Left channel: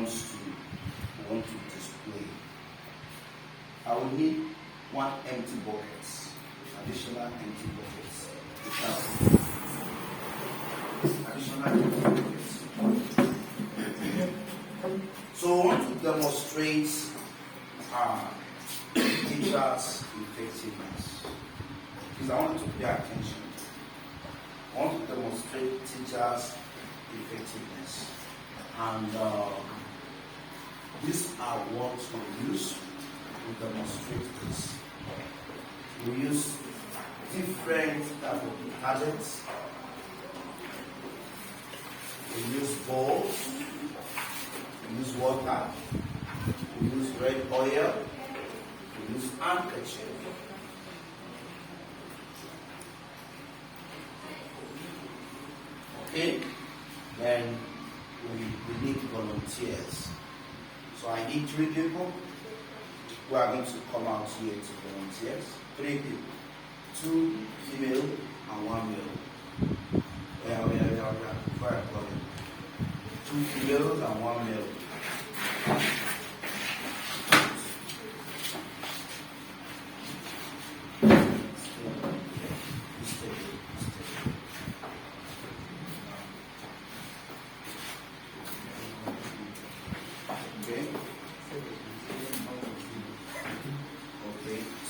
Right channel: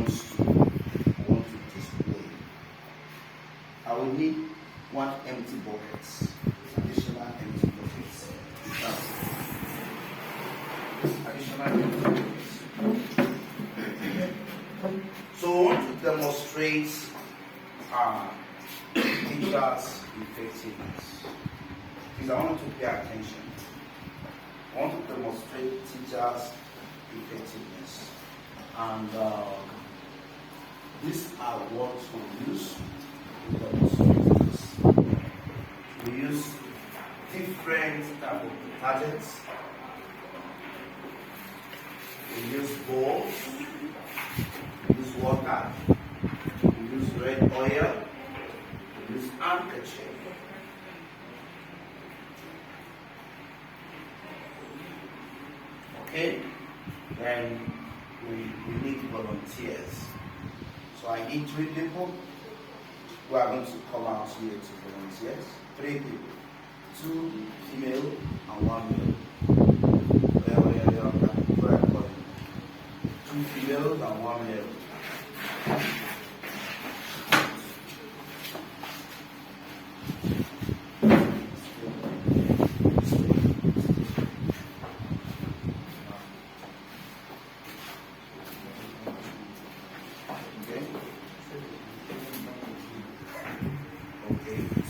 want to display. I will need one empty bucket, additional empty buckets. Additional empty buckets. So I want to demonstrate teachers' effectiveness. Because I want you to pay attention. I want to demonstrate teachers' effectiveness. And these are what we use to demonstrate this. We use different types of targets. We use balls. We use water. We use red oil. We use handkerchief. Okay? Then we need volunteers. So I need 3 people who are going to come out here to volunteers. 3 people. 2 female and 1 male. 2 females and 1 male.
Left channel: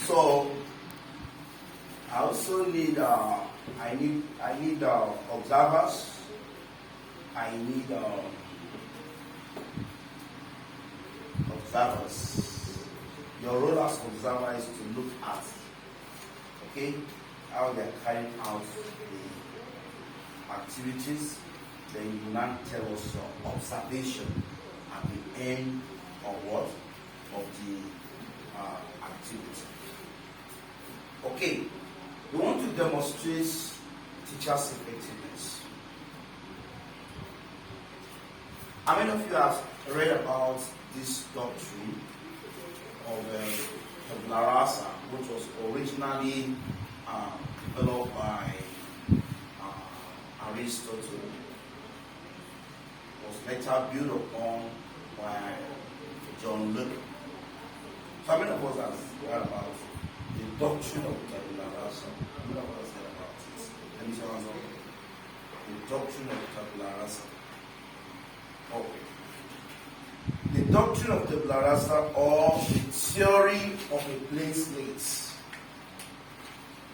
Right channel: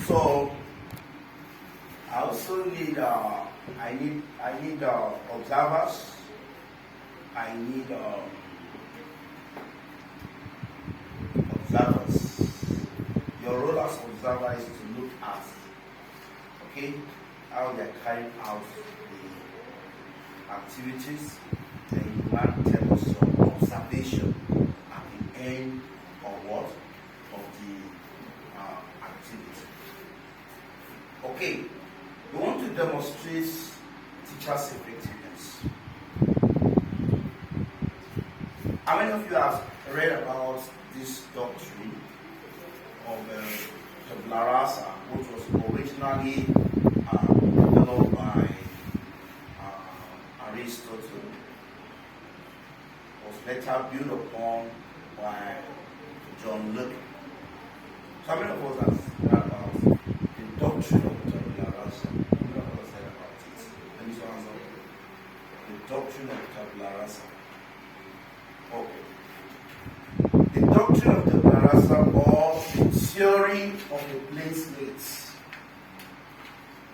So I also need I need observers. I need observers. Your role as observer is to look at, okay, how they're carrying out the activities. Then you want to tell us some observation at the end of what? Of the activity. Okay, we want to demonstrate teachers' effectiveness. How many of you have read about this doctrine of tabula rasa, which was originally developed by Aristotle, was later built upon by John Locke? So how many of us have read about the doctrine of tabula rasa? How many of us heard about it? Let me show you the doctrine of tabula rasa. Okay. The doctrine of tabula rasa, or the theory of the placemates,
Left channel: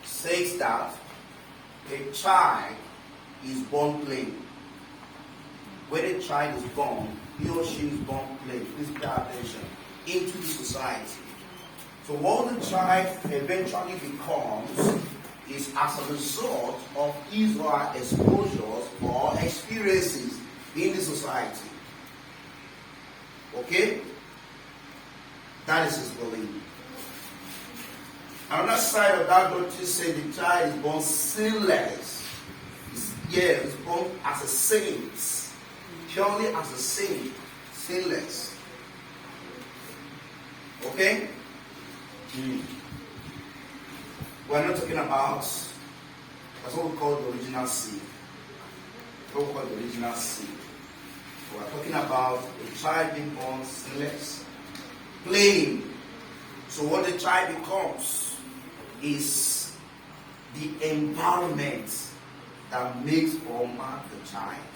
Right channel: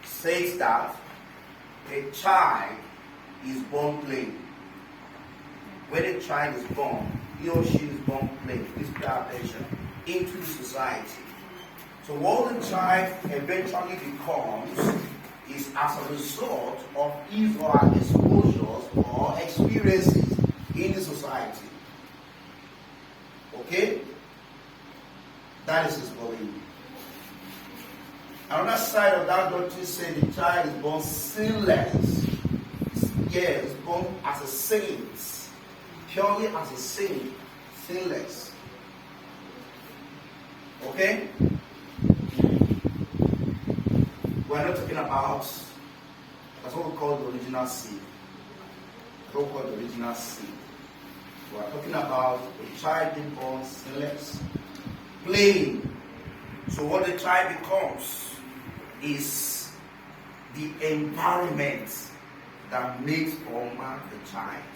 says that a child is born playing. When a child is born, he or she is born playing. Please pay attention. Into the society. So what the child eventually becomes is as a result of his or her exposures or experiences in the society. Okay? That is his belief. Another side of that doctrine says the child is born sinless. Yeah, he's born as a saint. Purely as a saint. Sinless. Okay? We're not talking about, that's what we call the original seed. What we call the original seed. We're talking about a child being born sinless, playing. So what the child becomes is the environment that makes or mark the child.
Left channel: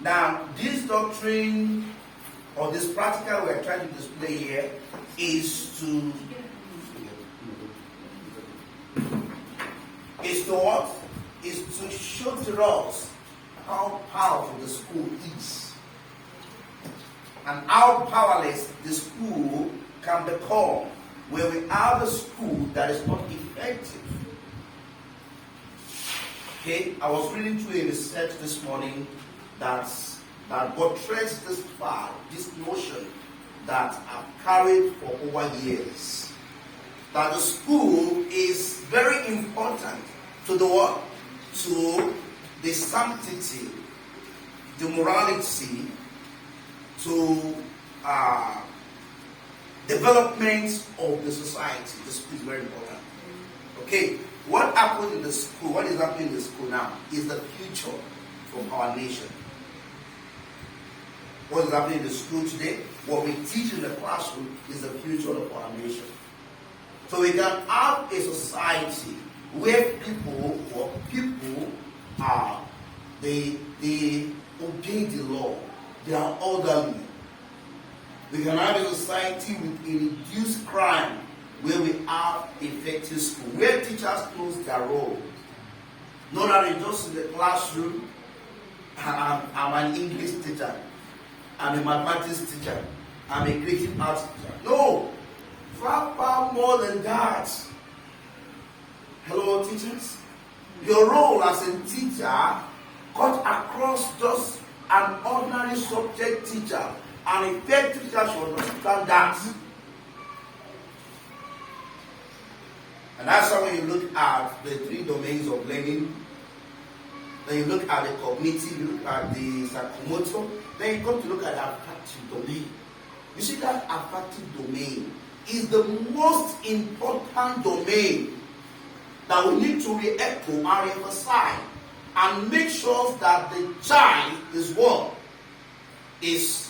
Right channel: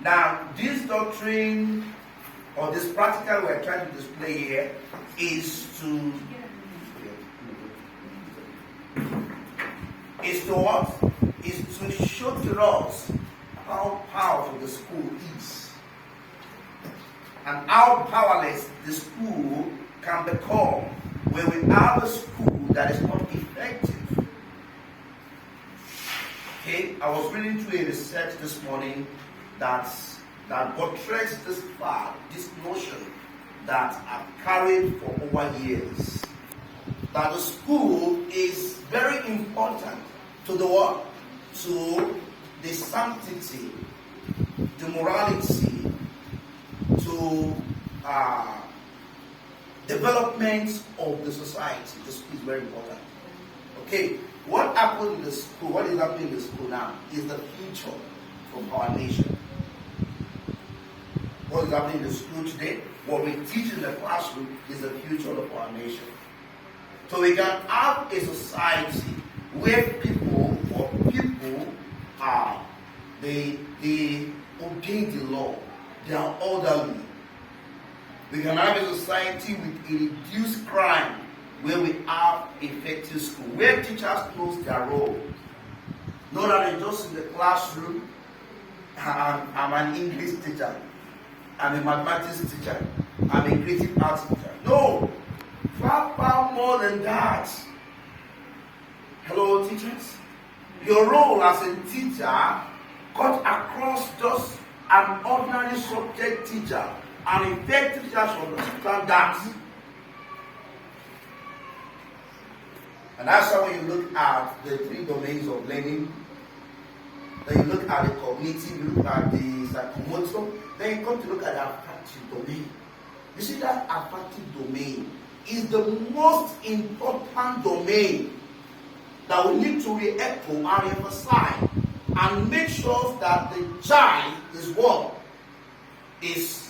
Now, this doctrine or this practical we're trying to display here is to what? Is to show to us how powerful the school is and how powerless the school can become when we have a school that is not effective. Okay, I was reading through a research this morning that portrays this fact, this notion that I've carried for over years, that the school is very important to the what? To the sanctity, the morality, to development of the society. The school is very important. Okay, what happened in the school, what is happening in the school now is the future of our nation. What is happening in the school today, what we teach in the classroom is the future of our nation. So we can have a society where people are, they obey the law, they are orderly. We can have a society with a reduced crime where we have effective school, where teachers know their role. Not that they just in the classroom, I'm an English teacher, I'm a mathematics teacher, I'm a creative arts teacher. No, far more than that. Hello, teachers. Your role as a teacher cut across just an ordinary subject teacher. An effective teacher should understand that. And that's how when you look at the 3 domains of learning, then you look at the cognitive, you look at the psychomotor, then you come to look at the affective domain. You see, that affective domain is the most important domain that we need to re-echo and emphasize and make sure that the child is what is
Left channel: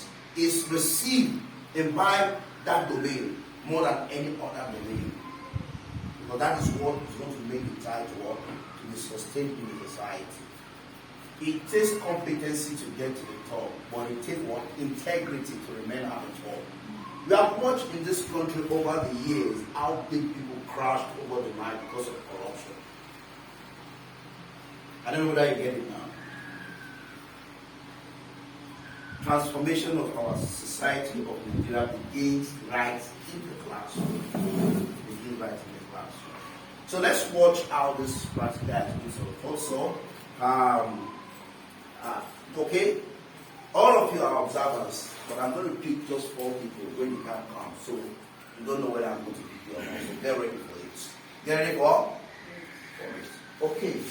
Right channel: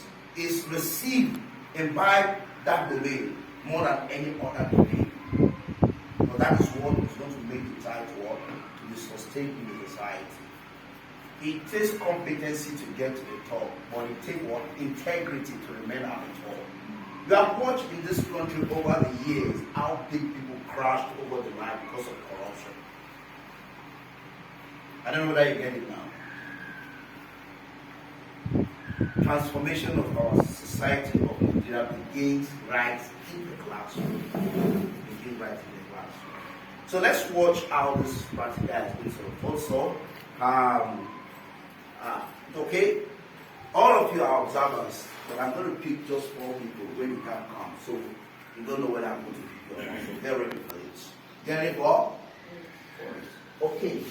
received and by that domain more than any other domain. But that is what is going to make the child work to be sustained in the society. It takes competency to get to the top, but it takes what? Integrity to remain at the top. We have watched in this country over the years how big people crashed over the line because of corruption. I don't know whether you get it now. Transformation of our society of Nigeria begins right in the classroom. So let's watch how this practical is going to also. Okay, all of you are observers, but I'm going to pick just 4 people when you can't come. So you don't know whether I'm going to pick you or not. So get ready for it. Get ready for it. Okay.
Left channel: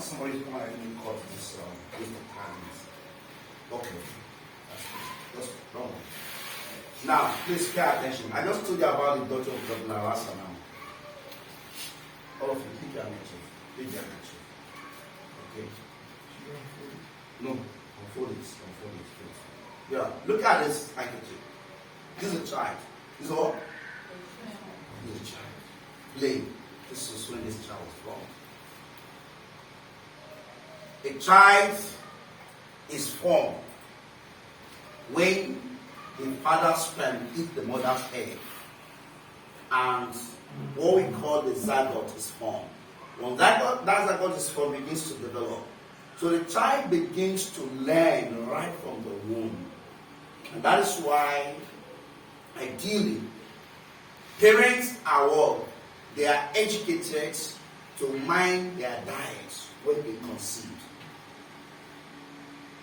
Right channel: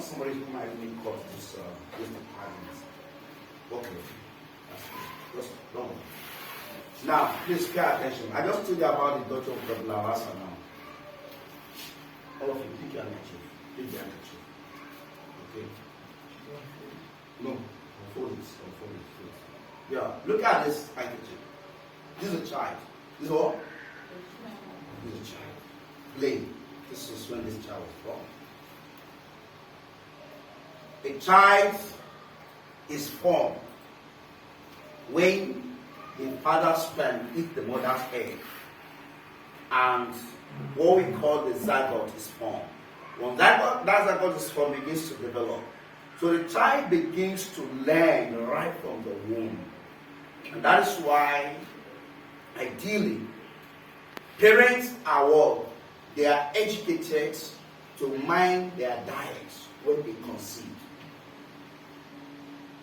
Somebody's going to cut this patterns. Okay. That's wrong. Now, please pay attention. I just told you about the doctrine of the Lawasa now. All of you, pick your handkerchief. Pick your handkerchief. Okay. No, unfold it. Unfold it, please. Yeah, look at this handkerchief. This is a child. This is what? This is a child. Play. This is when this child was born. A child is formed when the father's sperm hits the mother's egg, and what we call the zygote is formed. When that zygote is formed, it begins to develop. So the child begins to learn right from the womb. And that is why, ideally, parents are what? They are educated to mind their diet when they conceive.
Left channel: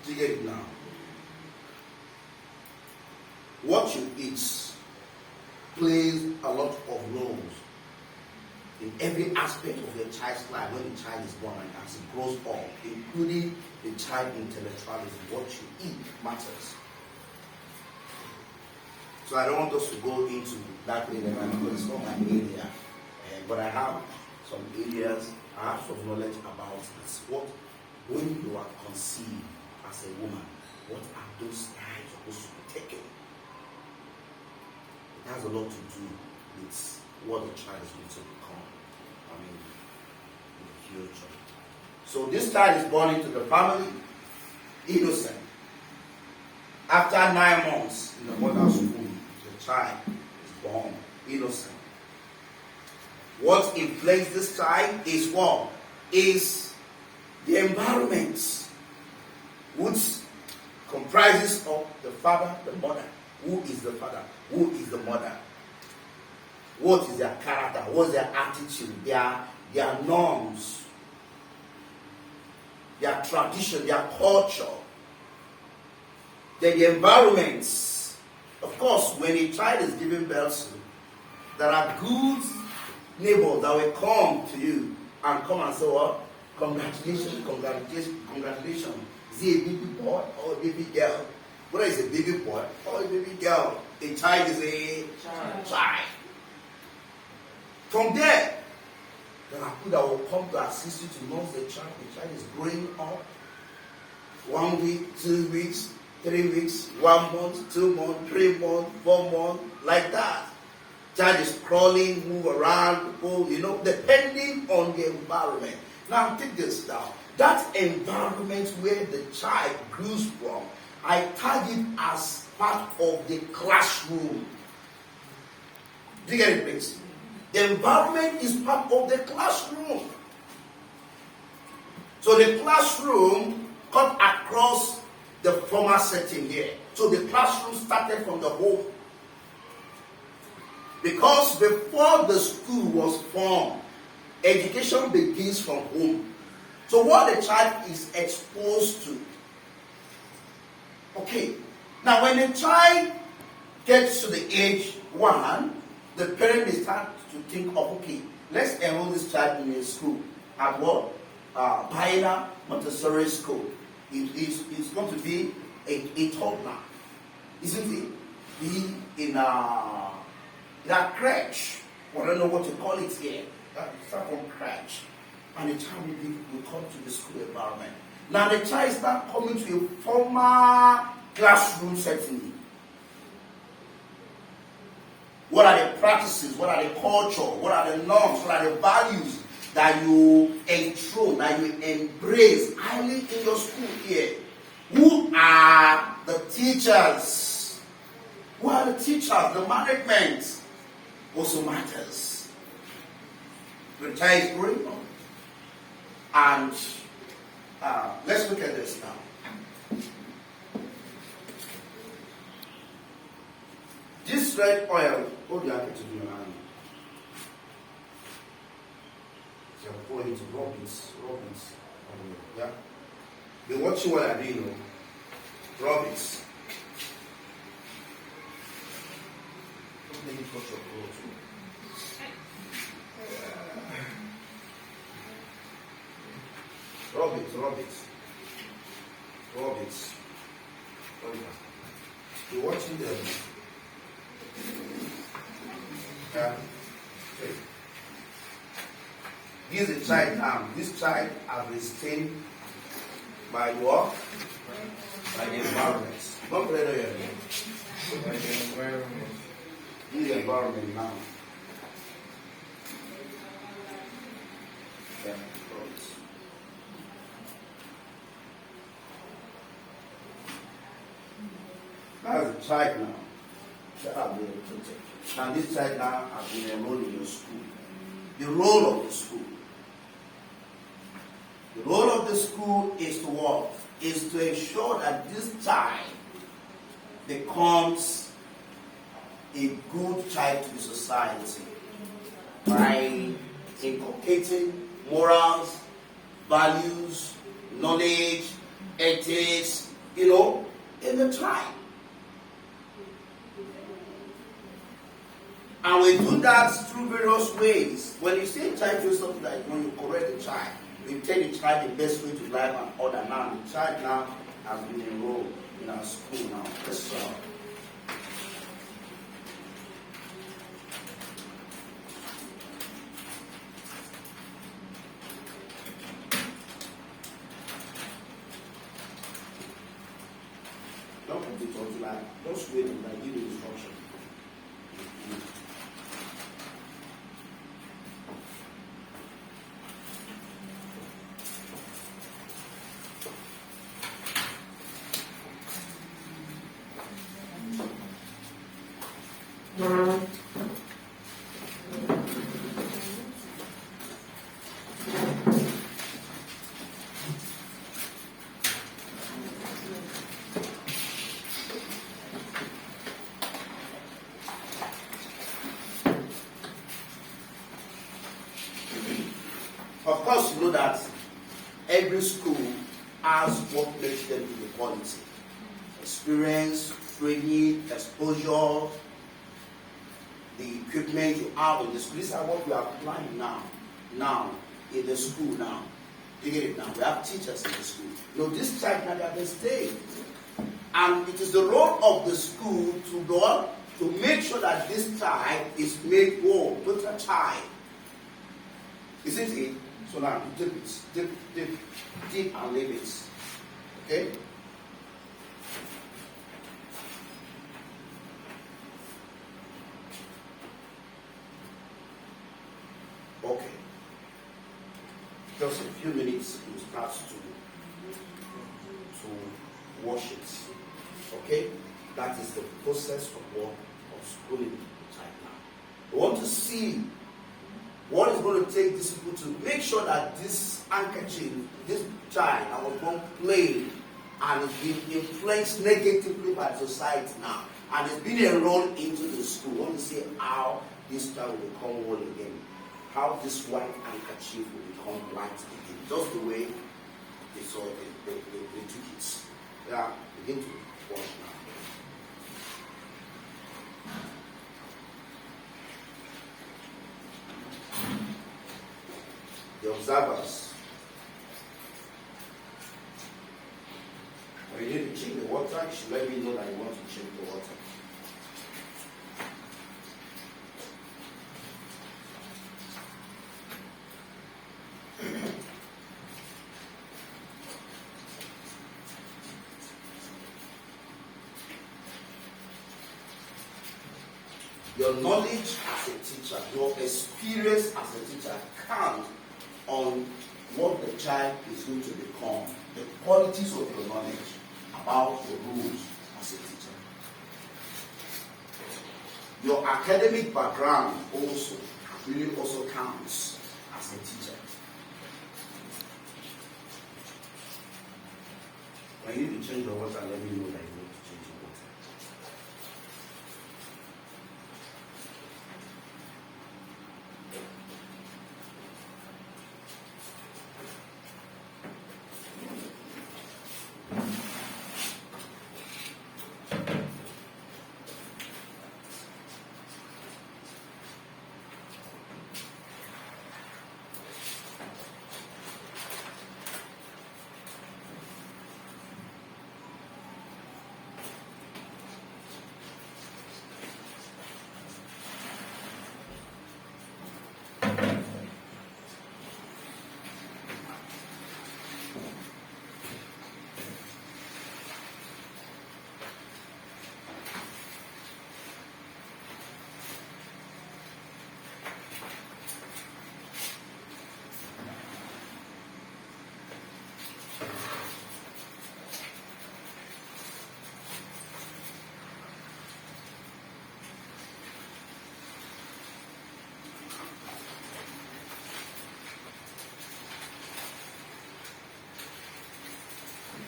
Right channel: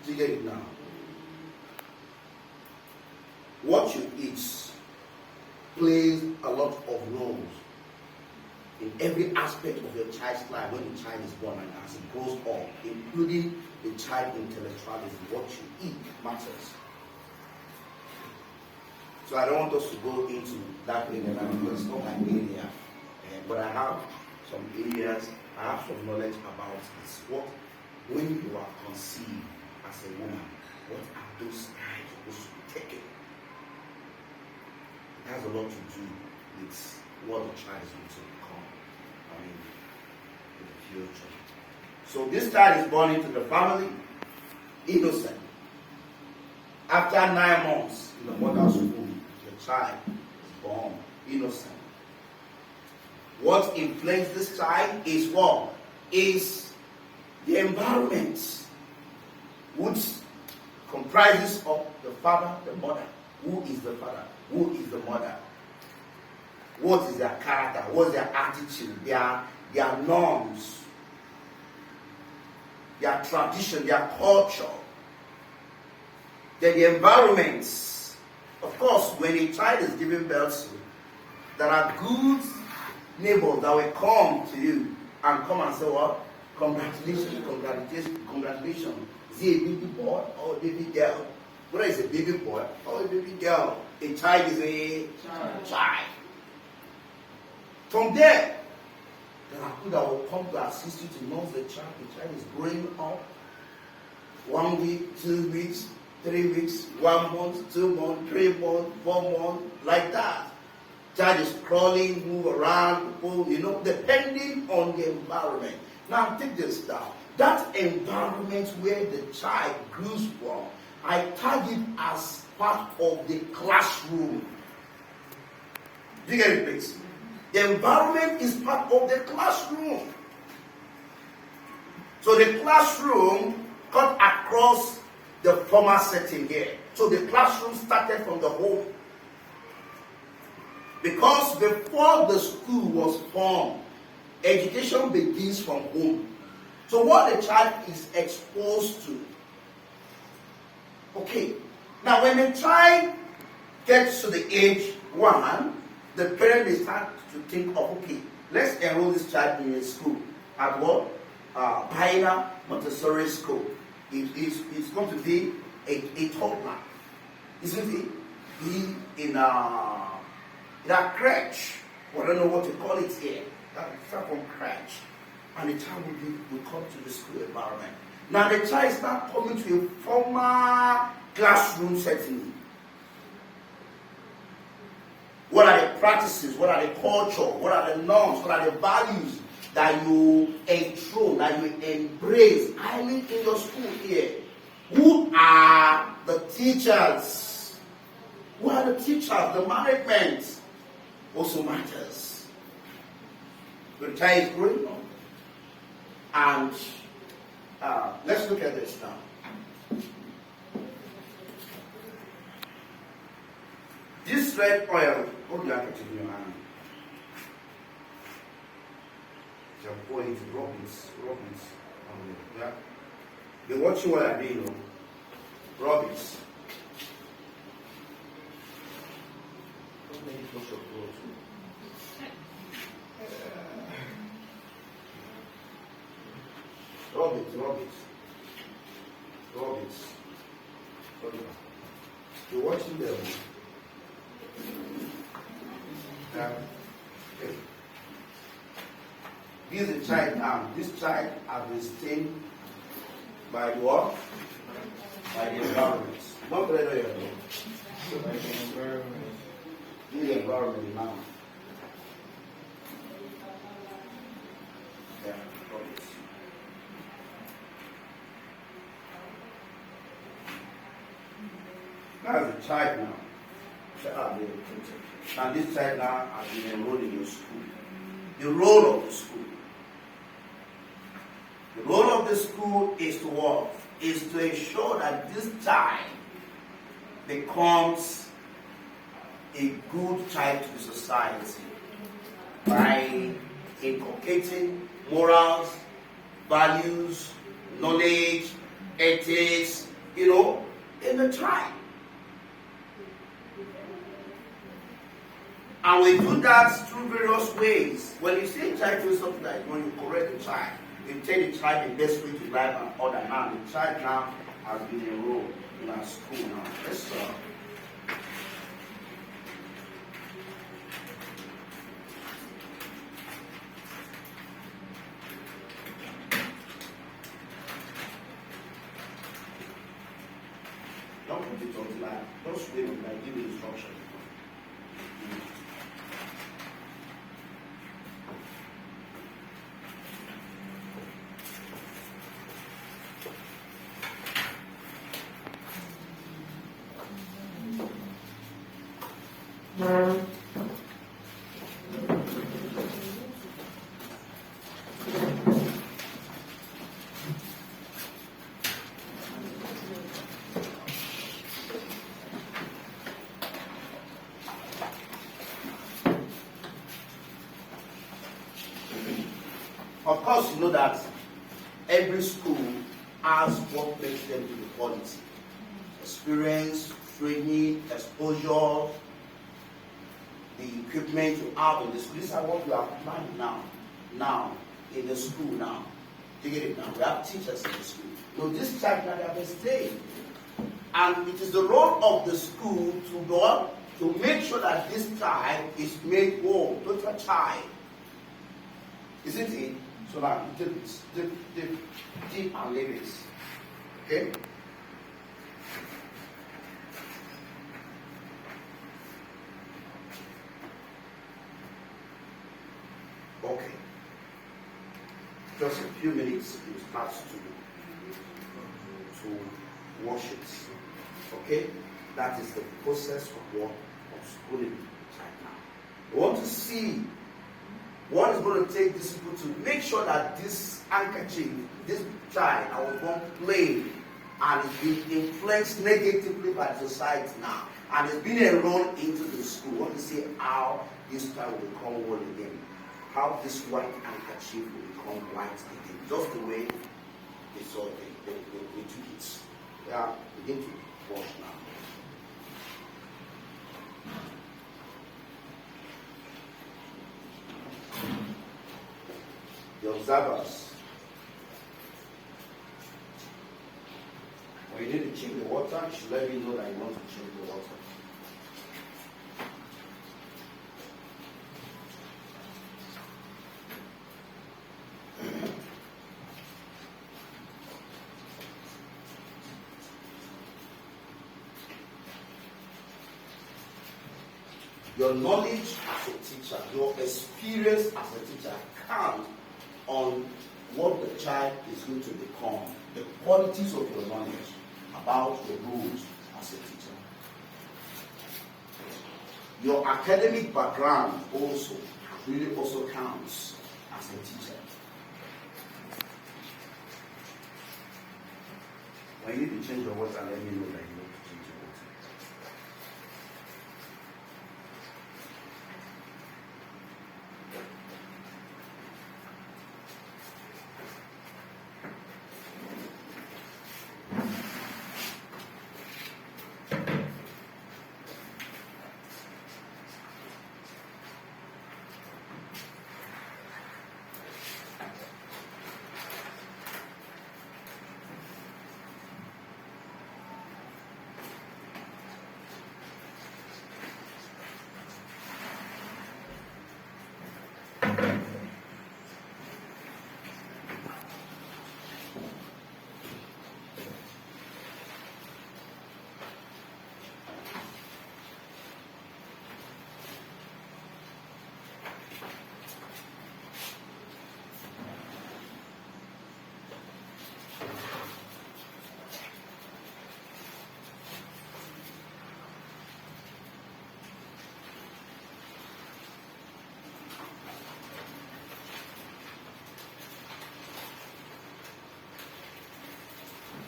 Do you get it now? What you eat plays a lot of roles in every aspect of your child's life when the child is born and as it grows up, including the child intellectualism. What you eat matters. So I don't want us to go into that area because it's not my area. But I have some areas, I have some knowledge about this. What, when you are conceived as a woman, what are those strides supposed to be taken? It has a lot to do with what the child is going to become, in the future. So this child is born into the family, innocent. After 9 months in the mother's womb, the child is born innocent. What inflates this child is what? Is the environment, which comprises of the father, the mother. Who is the father? Who is the mother? What is their character? What is their attitude? Their norms, their tradition, their culture, then the environments. Of course, when a child is given birth to, there are good neighbors that will come to you and come and say, what? Congratulations, congratulations, congratulations. Is he a baby boy or a baby girl? Whether it's a baby boy or a baby girl, a child is a child. From there, there are people that will come to assist you to nurse the child. The child is growing up. 1 week, 2 weeks, 3 weeks, 1 month, 2 months, 3 months, 4 months, like that. Child is crawling, move around, depending on the environment. Now take this down. That environment where the child grows from, I tag it as part of the classroom. Do you get it, please? The environment is part of the classroom. So the classroom cut across the former setting here. So the classroom started from the home. Because before the school was formed, education begins from home. So what the child is exposed to. Okay. Now when the child gets to the age 1, the parent may start to think of, okay, let's enroll this child in a school. At what? Bayyinah Montessori School. It's going to be a toddler. Isn't it? Be in a crèche. Well, I don't know what to call it here. Start from crèche. And the child will come to the school environment. Now the child start coming to a formal classroom setting. What are the practices? What are the culture? What are the norms? What are the values that you enthrone, that you embrace highly in your school here? Who are the teachers? Who are the teachers? The management also matters. The child is growing up. And let's look at this now. This red oil, hold the handkerchief in your hand. You're pouring to rub it. Yeah? You're watching what I do, rub it. Don't make it touch your clothes. Rub it. You're watching them. Yeah. Okay. Here's a child now. This child has been stained by what? By the environment. Don't play on your head. By the environment. In the environment now. Yeah, that's a child now. Now this child now has been enrolled in your school. The role of the school. The role of the school is to what? Is to ensure that this child becomes a good child to the society by inculcating morals, values, knowledge, ethics, in the child. And we do that through various ways. When you see a child do something like you correct the child. You tell the child the best way to life and order. Now the child now has been enrolled in our school now. Let's don't put it on like just wait on like give you instruction. Of course, you know that every school has what makes them to the quality. Experience, training, exposure. the equipment you have in the school. These are what we are applying now in the school now. You get it now? We have teachers in the school. No, this child can have stay. And it is the role of the school to go to make sure that this child is made whole, total child. Isn't it? So now you take it, dip and leave it. Okay? Okay. Just a few minutes, you start to wash it. Okay? That is the process of schooling right now. We want to see what is going to take this people to make sure that this handkerchief, this child, I was born plain, and it's been influenced negatively by society now, and it's been enrolled into the school. We want to see how this child will become whole again, how this white handkerchief will become white again, just the way they saw they took it. Yeah, begin to wash now. The observers, when you need to change the water, you should let me know that you want to change the water. Your knowledge as a teacher, your experience as a teacher counts on what the child is going to become, the qualities of your knowledge about the rules as a teacher. Your academic background also really also counts as a teacher. When you need to change the water, let me know that you want to change the water.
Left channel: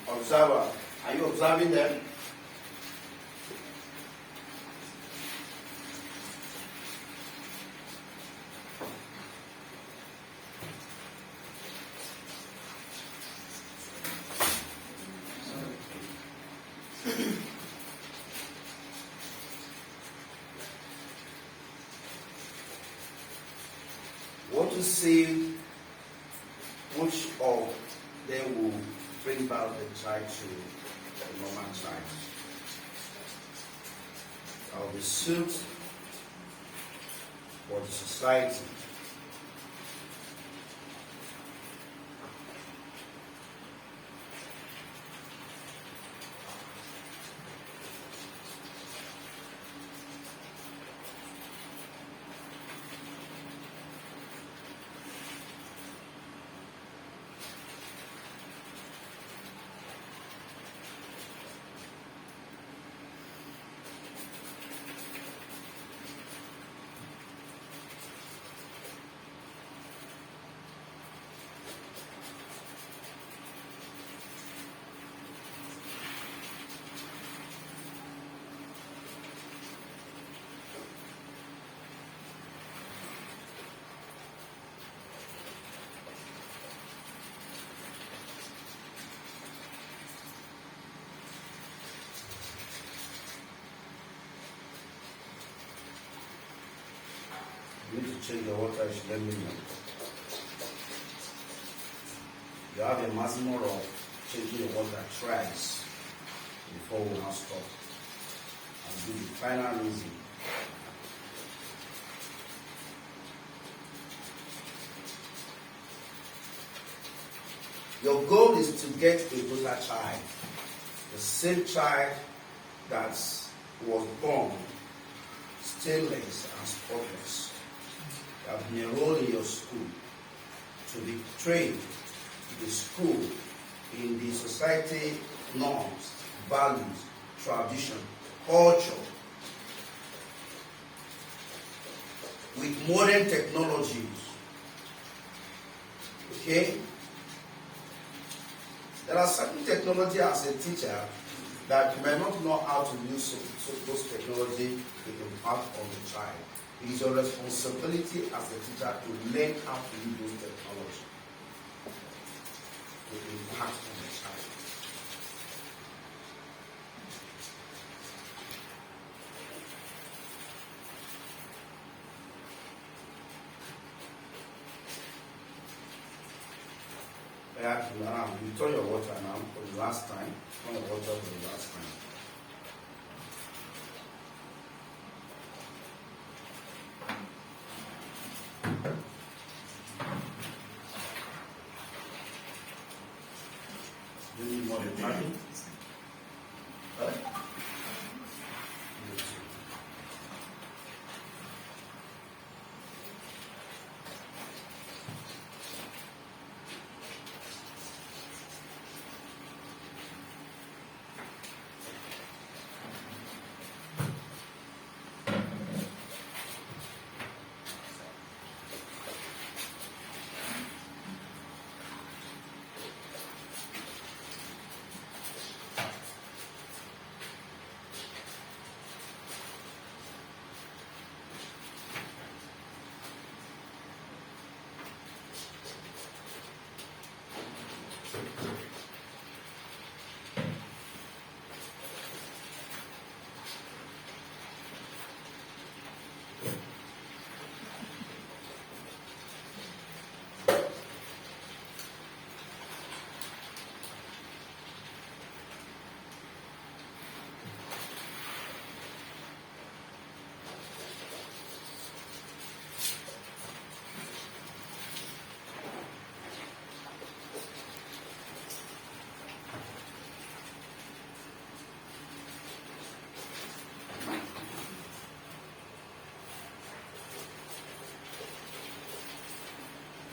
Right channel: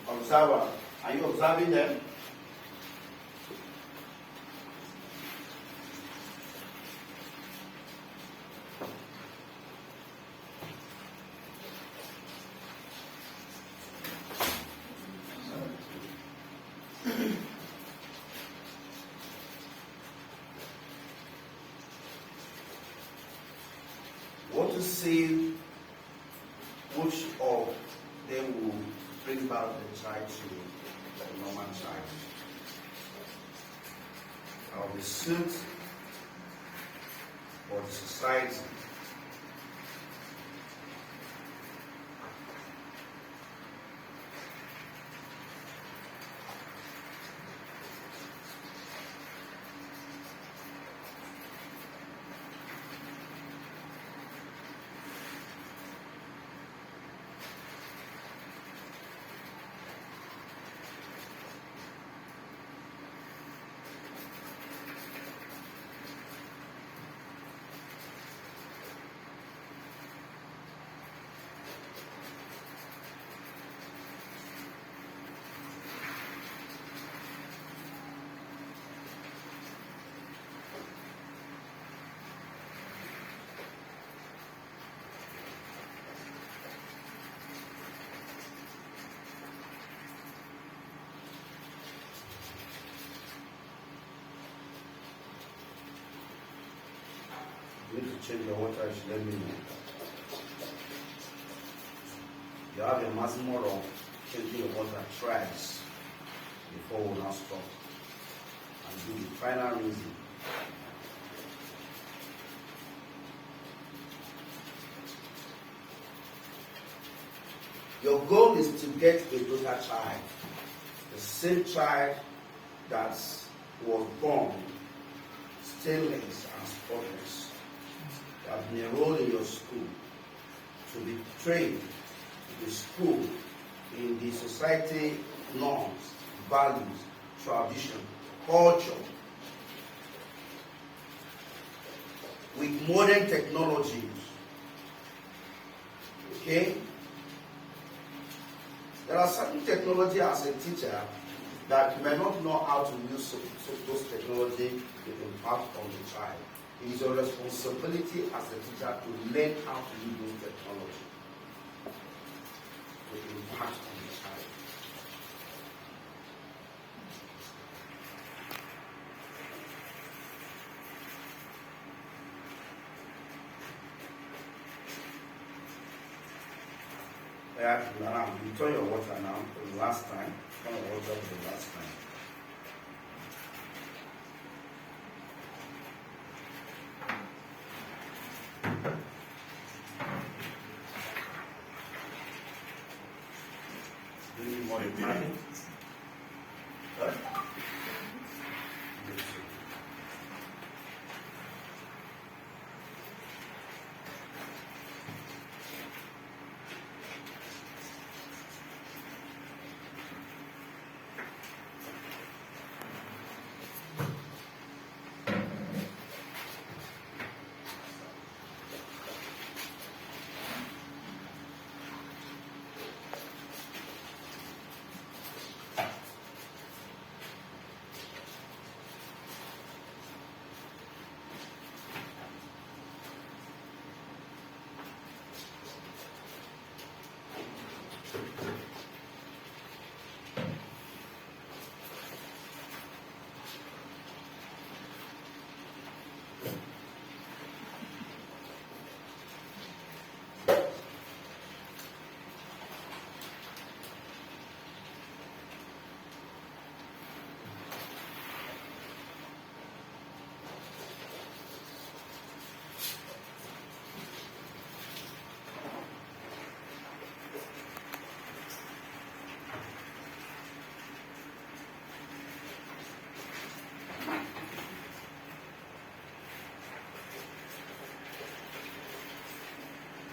Observer, are you observing them? Want to see which of them will bring back the child to the normal child. I'll be suit for the society. to change your water, you should let me know. You have a maximum of changing your water thrice before we now stop and do the final rinsing. Your goal is to get a total child, the same child that was born stainless and spotless, that have been enrolled in your school, to be trained in the school in the society norms, values, tradition, culture, with modern technologies. Okay? There are certain technology as a teacher that you may not know how to use so those technology with impact on the child. It is your responsibility as a teacher to learn how to use those technology with impact on the child. Yeah, you turn your water now for the last time. Turn your water for the last time. Do you need more than time? Right?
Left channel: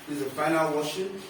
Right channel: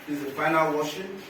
This is the final washing.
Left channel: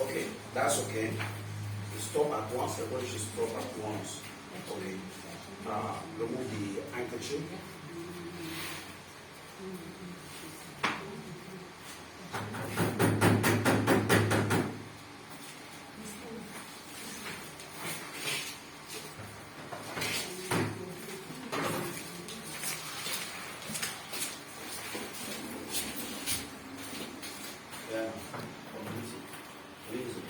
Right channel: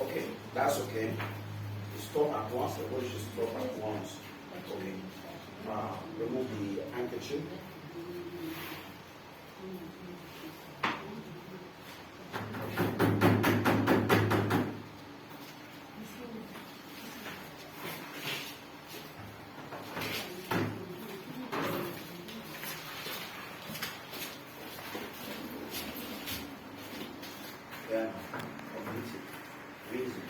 Okay, that's okay. You stop at once. Everybody should stop at once. Okay. Remove the handkerchief. Yeah. Rinse it.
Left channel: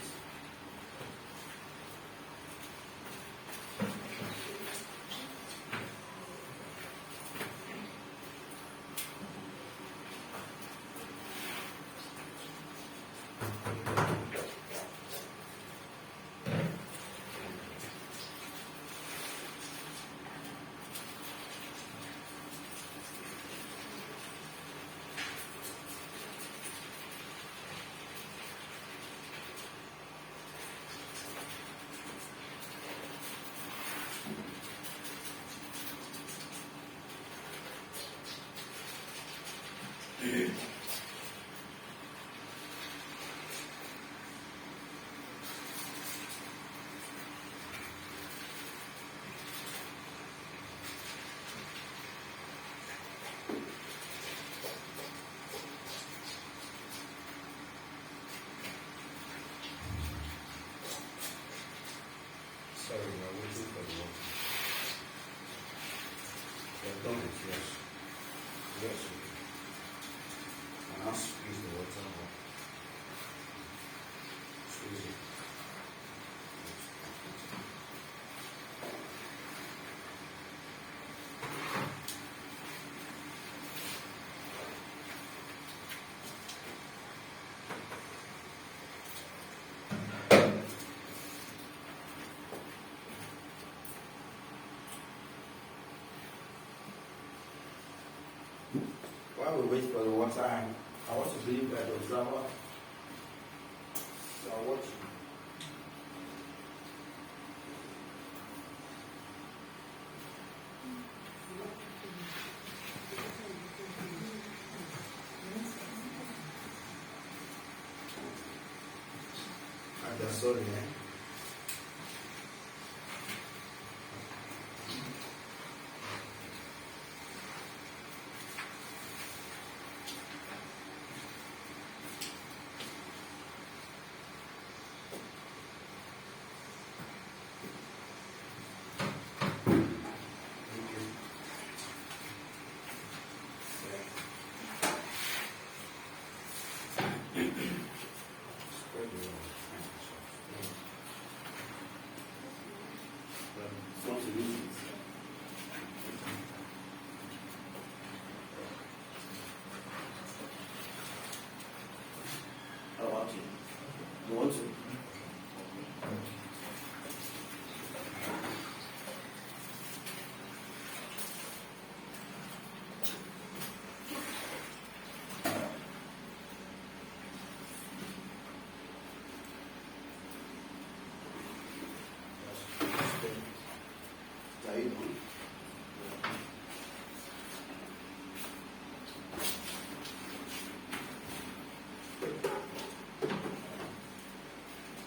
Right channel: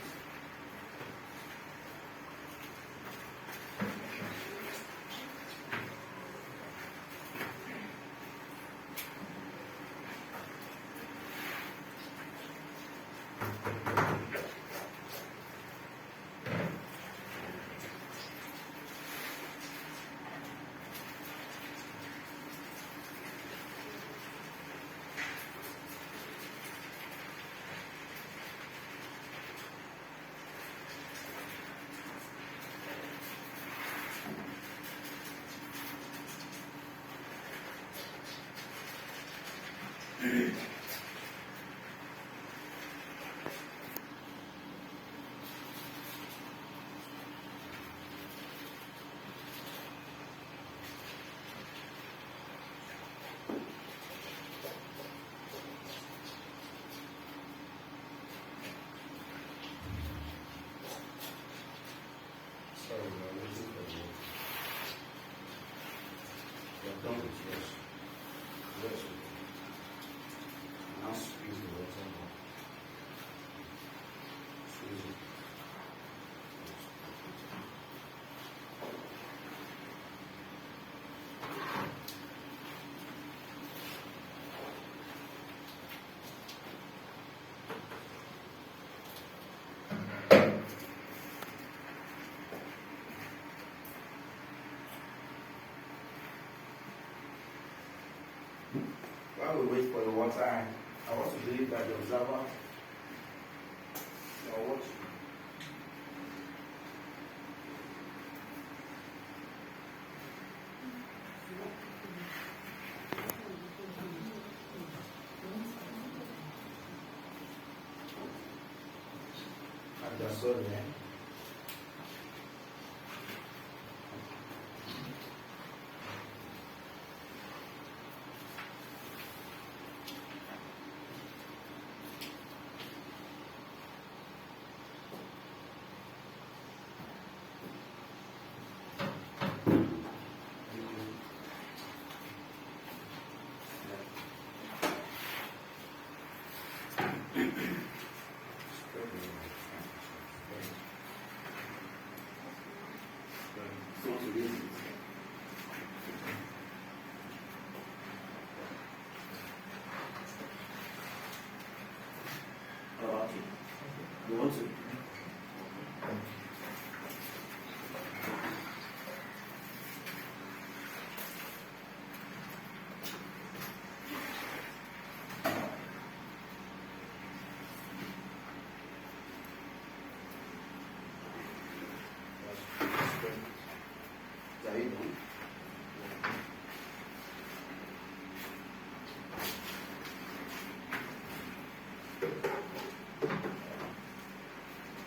done it, yes. Yes, okay. Now squeeze the water more. Squeeze it. While we wait for the water, I want to believe that the observer you are watching. I just saw there. How about you? You want to?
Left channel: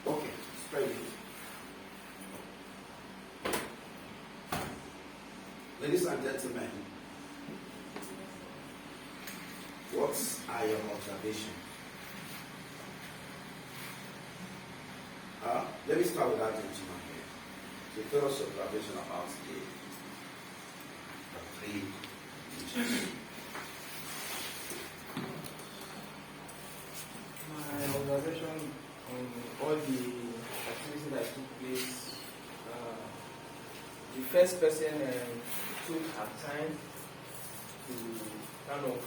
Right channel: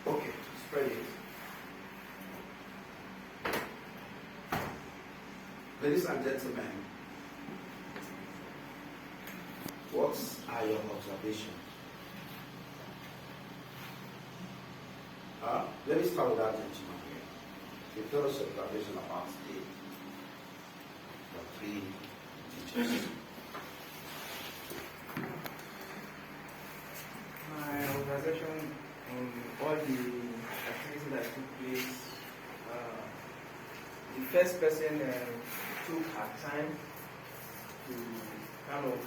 Okay, spread it. Ladies and gentlemen, what are your observations? Let me start with that gentleman here. Tell us your observation about the three teachers. My observation on all the activities that took place, the first person took her time to kind of,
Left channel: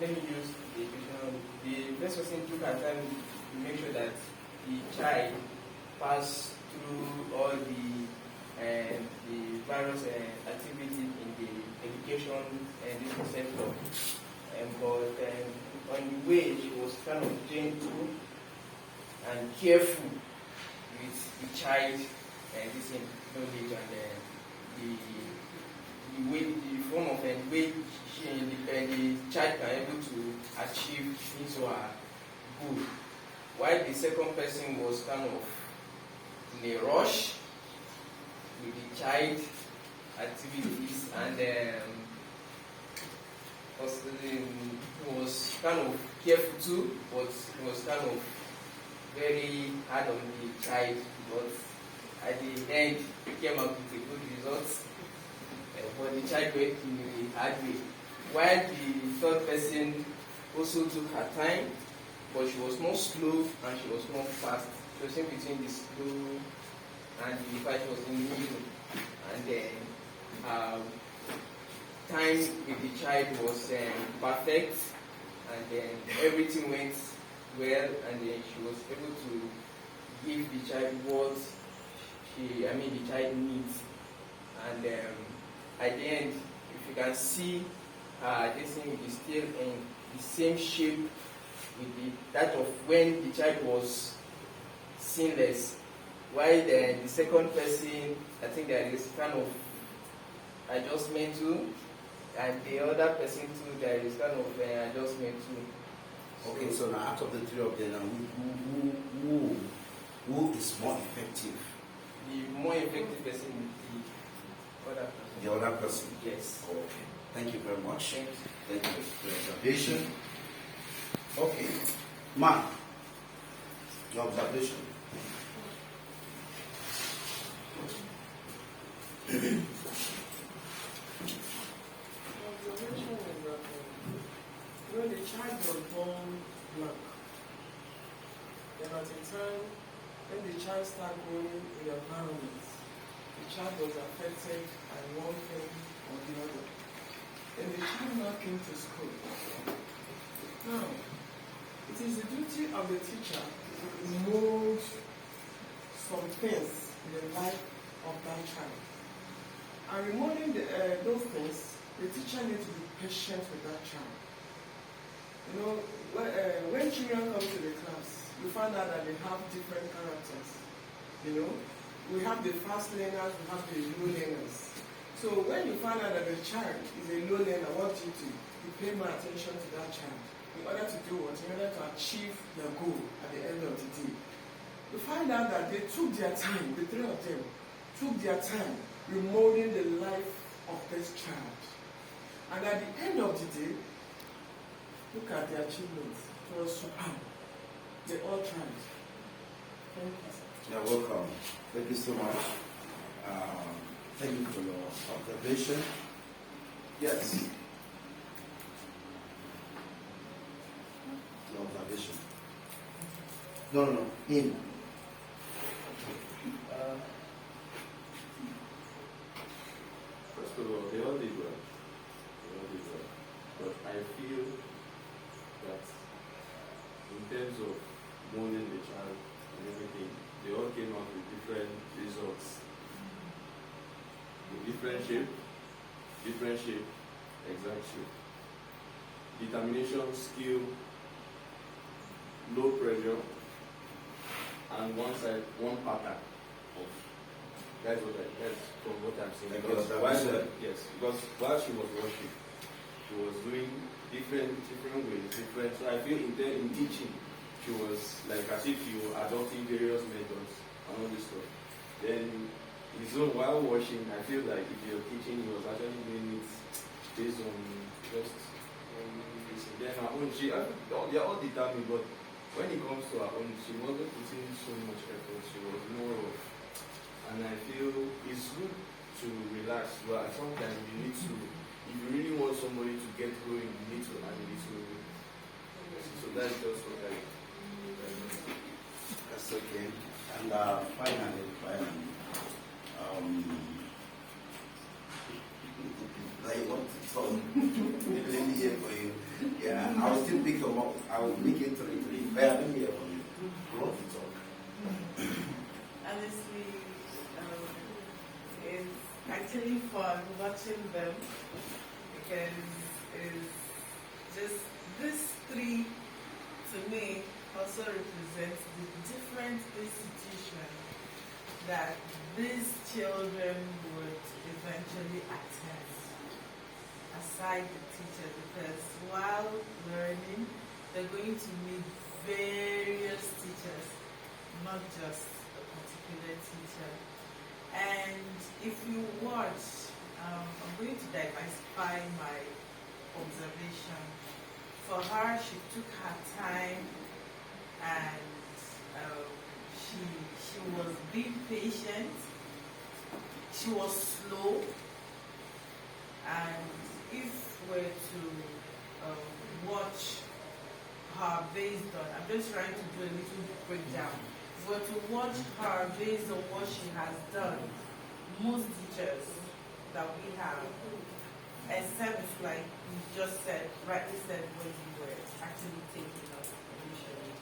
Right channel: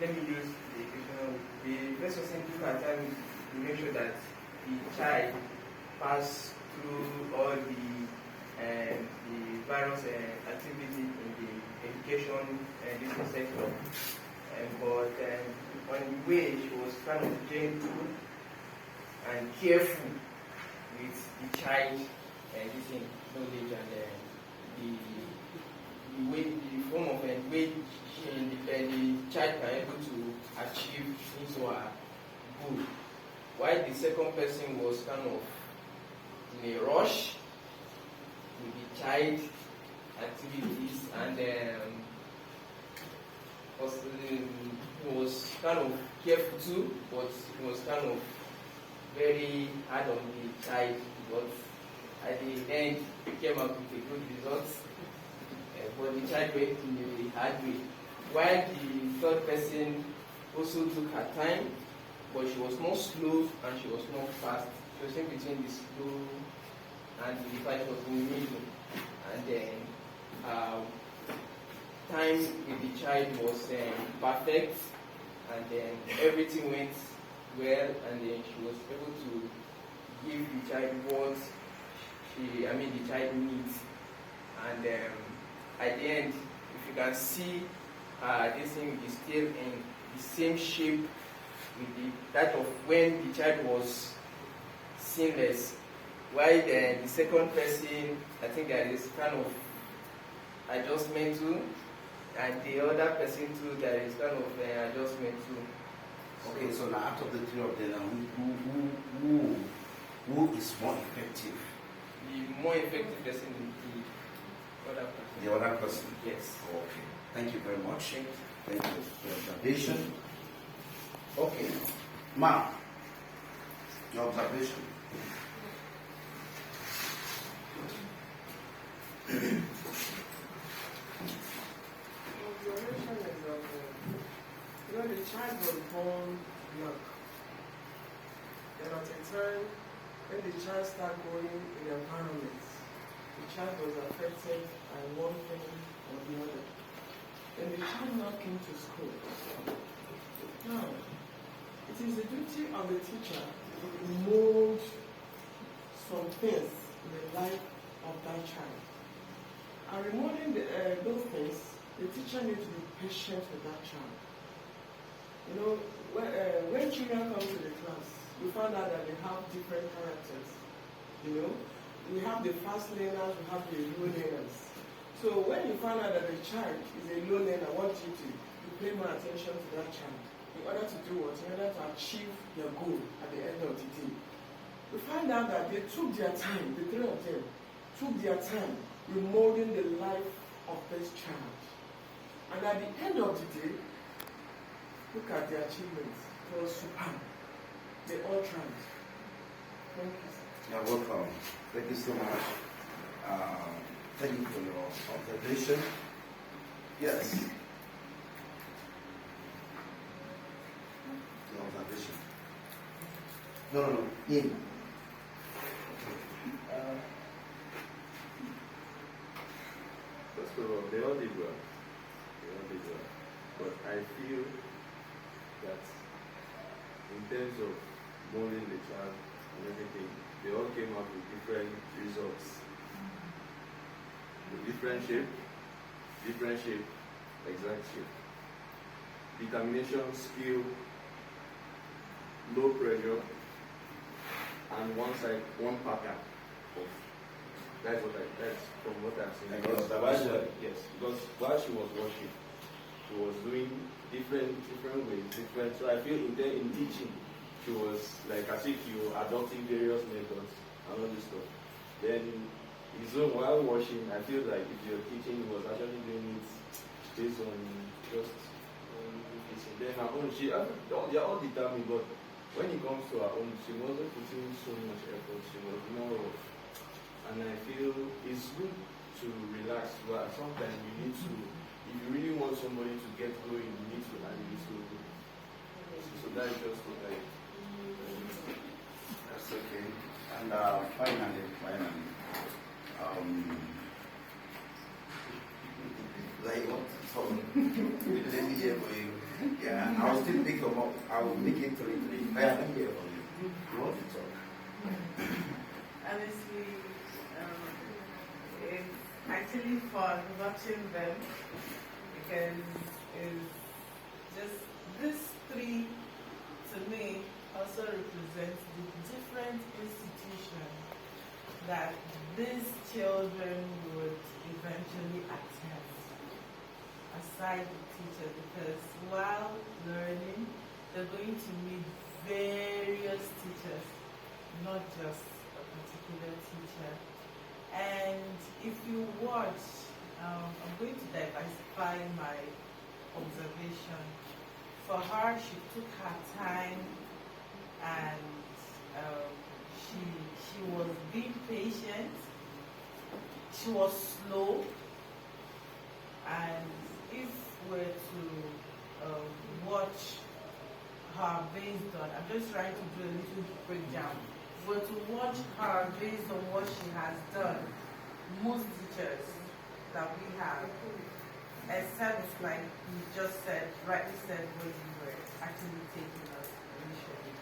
let me use the example, the first person took her time to make sure that the child passed through all the various activities in the education this sector. But on the way, she was kind of gentle and careful with the child this knowledge and the way, the form of way the child can able to achieve his or her goal. While the second person was kind of in a rush with the child activities and was kind of careful too, but was kind of very hard on the child, but at the end it came out with a good result. But the child went in the hard way. While the third person also took her time, but she was more slow and she was more fast. She was in between the slow and the fast. She was in the middle. And then time with the child was perfect, and then everything went well, and then she was able to give the child what the child needs. And at the end, if you can see, this thing is still in the same shape with that of when the child was sinless. While the second person, I think there is kind of adjustment too, and the other person too, there is kind of adjustment too. Okay, so now out of the three of them, who is more effective? The more effective person is the other person. The other person? Yes. Okay. Thank you very much. Thank you. Thank you for your observation. Okay. Mark, your observation. at a time when the child starts growing in the environment, the child was affected by one thing or the other. And the child now came to school. Now, it is the duty of the teacher to mold some things in the life of that child. And removing those things, the teacher needs to be patient with that child. You know, when children come to the class, we find out that they have different characters. You know, we have the fast learners, we have the low learners. So when you find out that the child is a low learner, what do? You pay more attention to that child in order to do what? In order to achieve their goal at the end of the day. We find out that they took their time, the three of them took their time remolding the life of this child. And at the end of the day, look at their achievements. It was superb. They all tried. Thank you, sir. You're welcome. Thank you so much. Thank you for your observation. Yes. Your observation. No. In. First of all, they all did well. But I feel that in terms of molding the child and everything, they all came out with different results. The different shape, exact shape. Determination, skill, low pressure, and one pattern of. That's from what I'm saying. Because while she was working, she was doing different ways, different. So I feel in teaching, she was like as if you were adopting various methods and all this stuff. Then while washing, I feel like if you're teaching, he was actually doing it based on just then her own. They're all determined, but when it comes to her own, she wasn't putting so much effort. She was more of, and I feel it's good to relax, but sometimes you need to. If you really want somebody to get going, you need to hand it to. So that's just what I. That's okay. And finally, I want to talk. Let me hear for you. Yeah, I'll still pick them up. I will make it 3-3. Let me hear from you. You want to talk? Honestly, it's actually fun watching them because it's just these three to me also represents the different institutions that these children would eventually attend aside the teacher, because while learning they're going to meet various teachers, not just a particular teacher. And if you watch, I'm going to diversify my observation. For her, she took her time and she was being patient. She was slow, and if we're to watch her based on, I'm just trying to do a little breakdown. If we're to watch her based on what she has done, most teachers that we have, except like you just said, rightly said when you were actually taking us initially,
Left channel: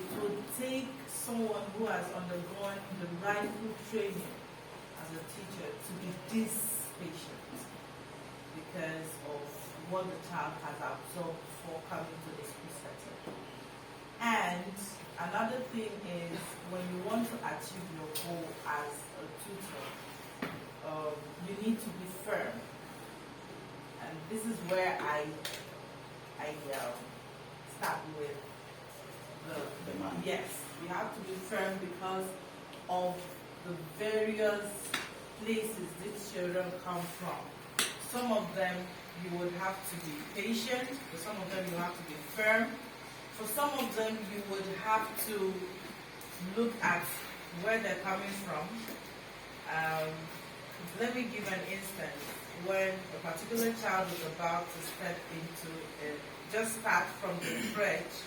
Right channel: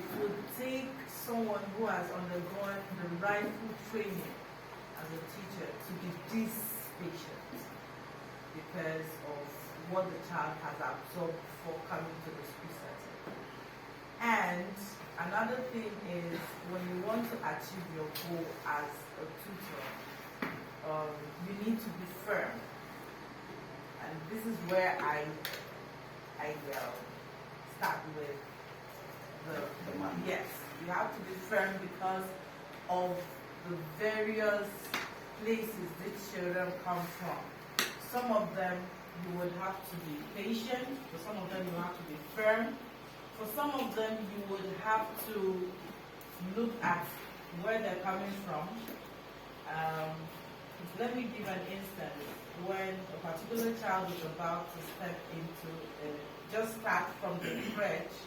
it would take someone who has undergone the rightful training as a teacher to be this patient because of what the child has absorbed before coming to the school setting. And another thing is, when you want to achieve your goal as a tutor, you need to be firm. And this is where I start with the man. Yes, you have to be firm because of the various places these children come from. Some of them you would have to be patient, for some of them you have to be firm, for some of them you would have to look at where they're coming from. Let me give an instance. When a particular child is about to step into it, just start from the crèche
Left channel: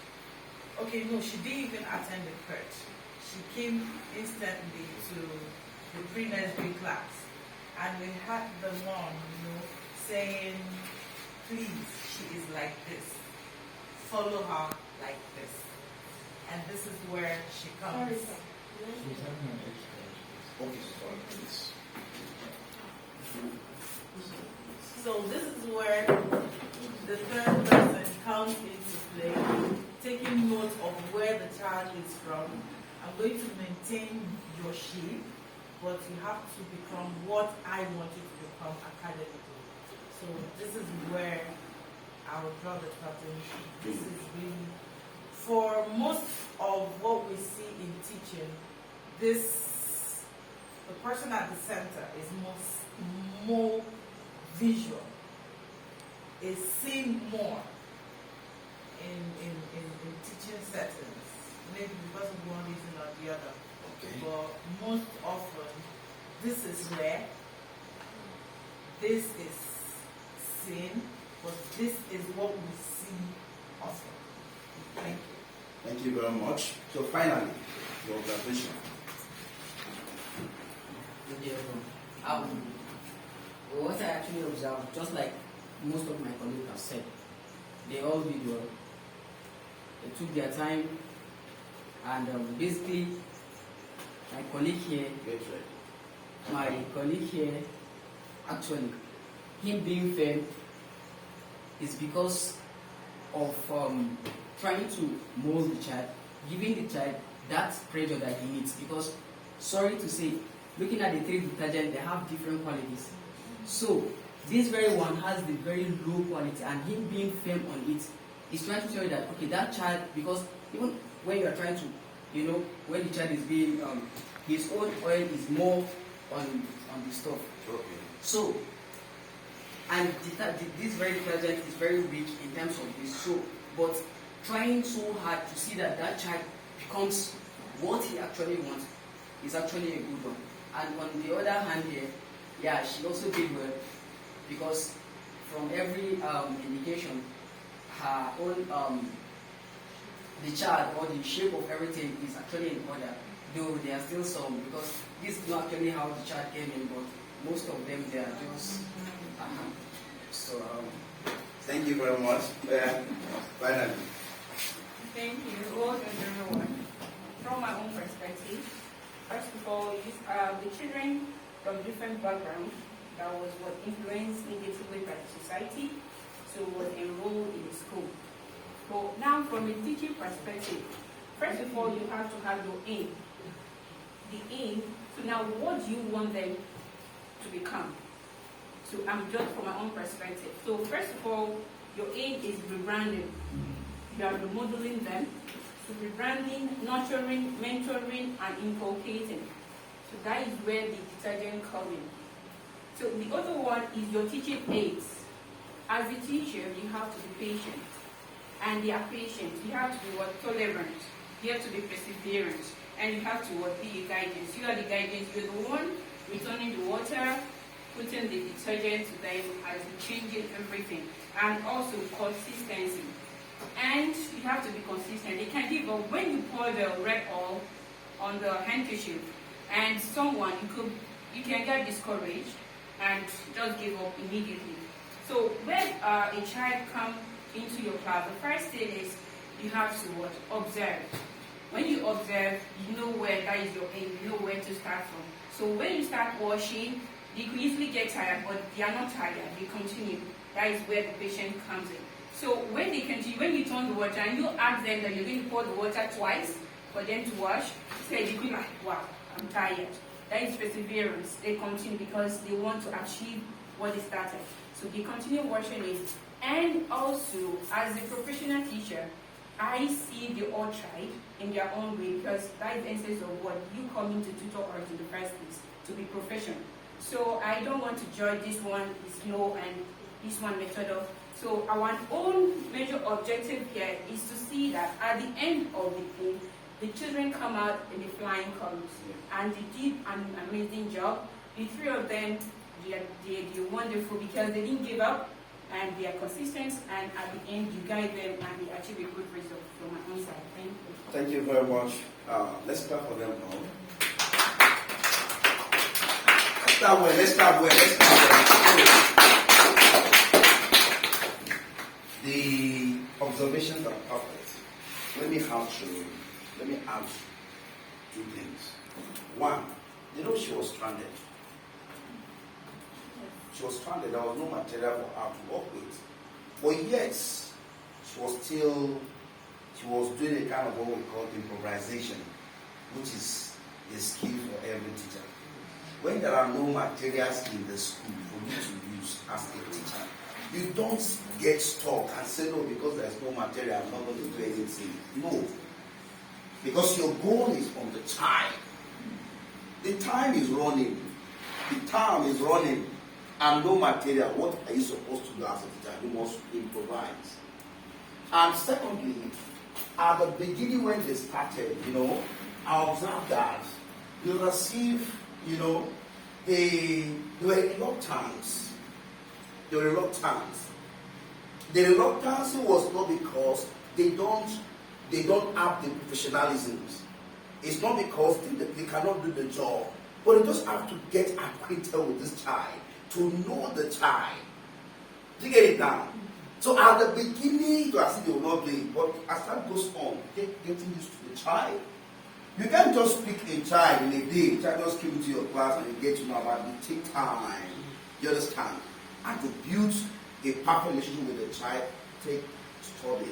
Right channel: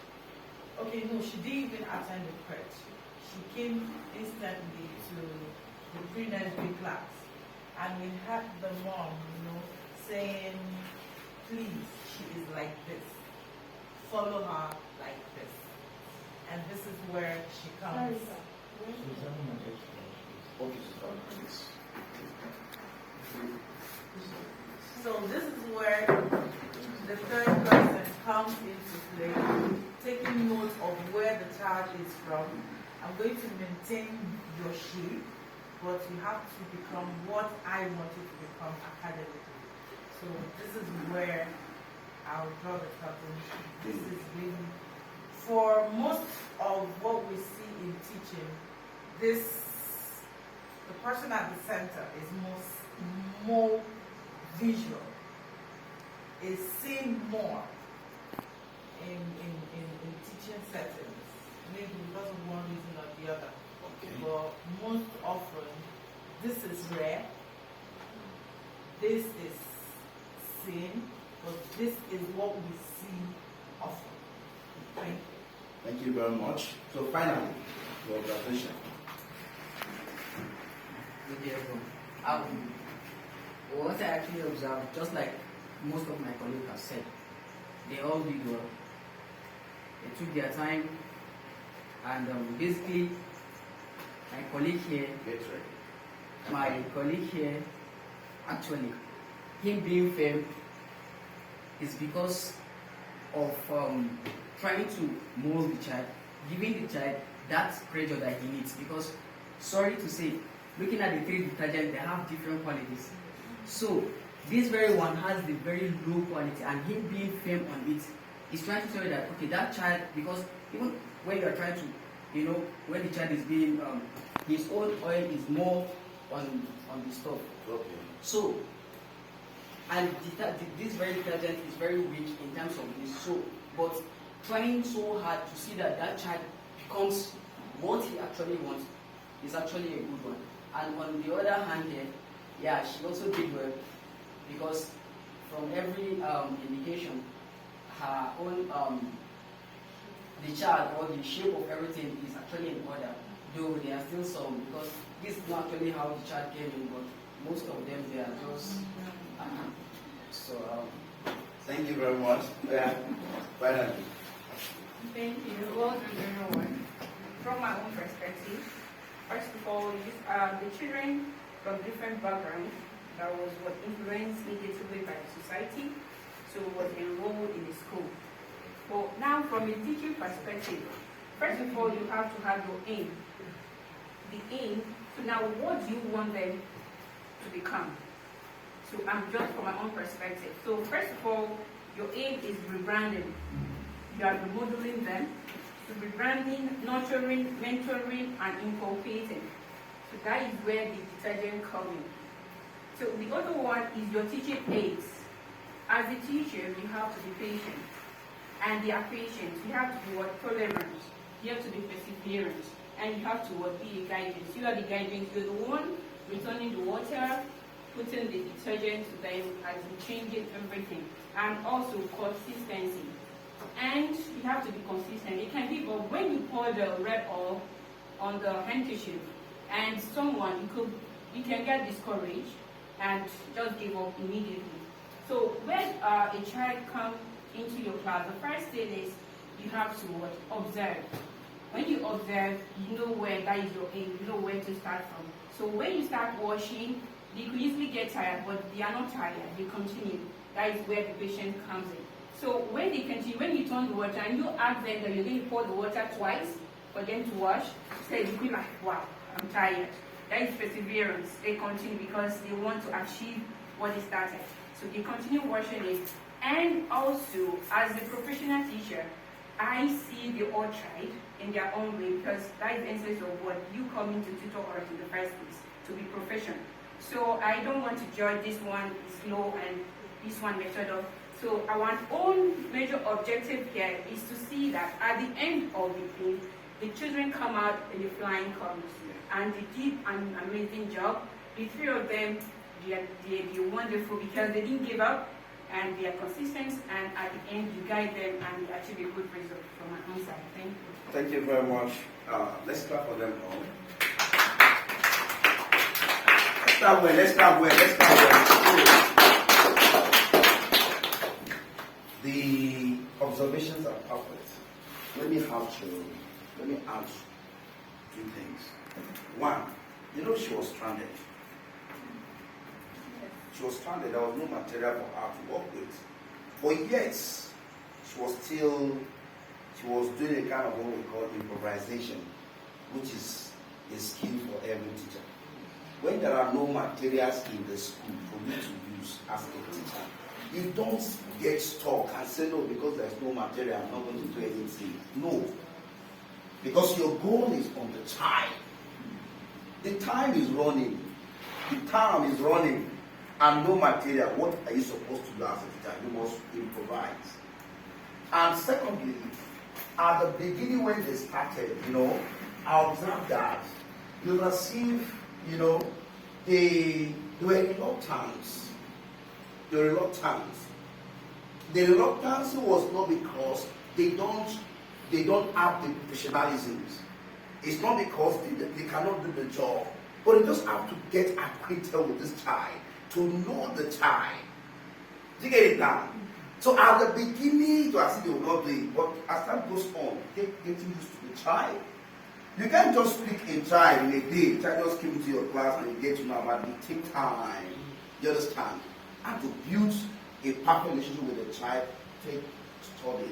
Okay, no, she didn't even attend the crèche. She came instantly to the pre-nursery class, and we had the mom, saying, please, she is like this. Follow her like this. And this is where she comes. So this is where the third person comes into play, taking note of where the child is from. I'm going to maintain your shape, but you have to become what I want you to become academically. So this is where I'll draw the curtain. This is really, for most of what we see in teaching, the person at the center is more visual, is seen more in teaching settings, maybe because of one reason or the other. Okay. But most often, this is where this is seen, but this is what we see often. Thank you. Thank you very much. So finally, your observation. What I actually observed, just like most of my colleagues have said, they all did well. They took their time, and basically, my colleague here, actually, him being firm is because of trying to mold the child, giving the child that pressure that he needs. Because, sorry to say, looking at the three detergents, they have different qualities. So, this very one has the very low quality, and him being firm on it is trying to tell you that, okay, that child, because even when you're trying to, when the child is being, his own oil is more on the stove. Okay. So, and this very detergent is very weak in terms of this. So, but trying so hard to see that that child becomes what he actually wants is actually a good one. And on the other hand here, yeah, she also did well, because from every indication, her own, the child or the shape of everything is actually in order, though there are still some, because this is not actually how the child came in, but most of them, they are just, so, Thank you very much. Finally. Thank you. Well done, everyone. From my own perspective, first of all, the children from different backgrounds that was influenced negatively by the society, so was enrolled in the school. But now, from a teaching perspective, first of all, you have to have your aim. The aim. So now, what do you want them to become? So I'm just from my own perspective. So first of all, your aim is rebranding. You are remodeling them. So rebranding, nurturing, mentoring, and inculcating. So that is where the detergent comes in. So the other one is your teaching aids. As a teacher, you have to be patient. And they are patient. You have to be tolerant. You have to be perseverant. And you have to be a guidance. You are the guidance. You're the one returning the water, putting the detergent to them as in changing everything. And also consistency. And you have to be consistent. You can give up when you pour the red oil on the handkerchief, and you can get discouraged and just give up immediately. So when a child comes into your class, the first thing is you have to observe. When you observe, you know where that is your aim, you know where to start from. So when you start washing, they could easily get tired, but they are not tired, they continue. That is where the patient comes in. So when they continue, when you turn the water and you ask them that you're going to pour the water twice for them to wash, say you could like, wow, I'm tired. That is perseverance. They continue because they want to achieve what they started. So they continue washing it. And also, as a professional teacher, I see the all tried in their own way, because that is the essence of what you come into tutor art in the first place, to be professional. So I don't want to judge this one is low and this one method of. So our own major objective here is to see that at the end of the thing, the children come out in the flying colors, and they did an amazing job. The three of them, they're wonderful because they didn't give up. and they are consistent, and at the end you guide them and they achieve a good result from my own side. Thank you. Thank you very much. Let's clap for them now. Let's start well. The observations are perfect. Let me add two things. One, she was stranded. She was stranded. There was no material for her to work with. But yet, she was doing a kind of what we call improvisation, which is a skill for every teacher. When there are no materials in the school for you to use as a teacher, you don't get stuck and say, no, because there's no material, I'm not going to do anything. No. Because your goal is on the time. The time is running. The time is running. And no material. What are you supposed to do as a teacher? You must improvise. And secondly, at the beginning when they started, I observed that you receive, they were reluctant. The reluctance was not because they don't have the professionalisms. It's not because they cannot do the job, but they just have to get acquainted with this child, to know the child. Do you get it now? So at the beginning, you are saying they will not do it, but as time goes on, getting used to the child. You can't just pick a child in a day. The child just came into your class and you get to know about it. It takes time. You understand? And to build a perfect relationship with the child, take study.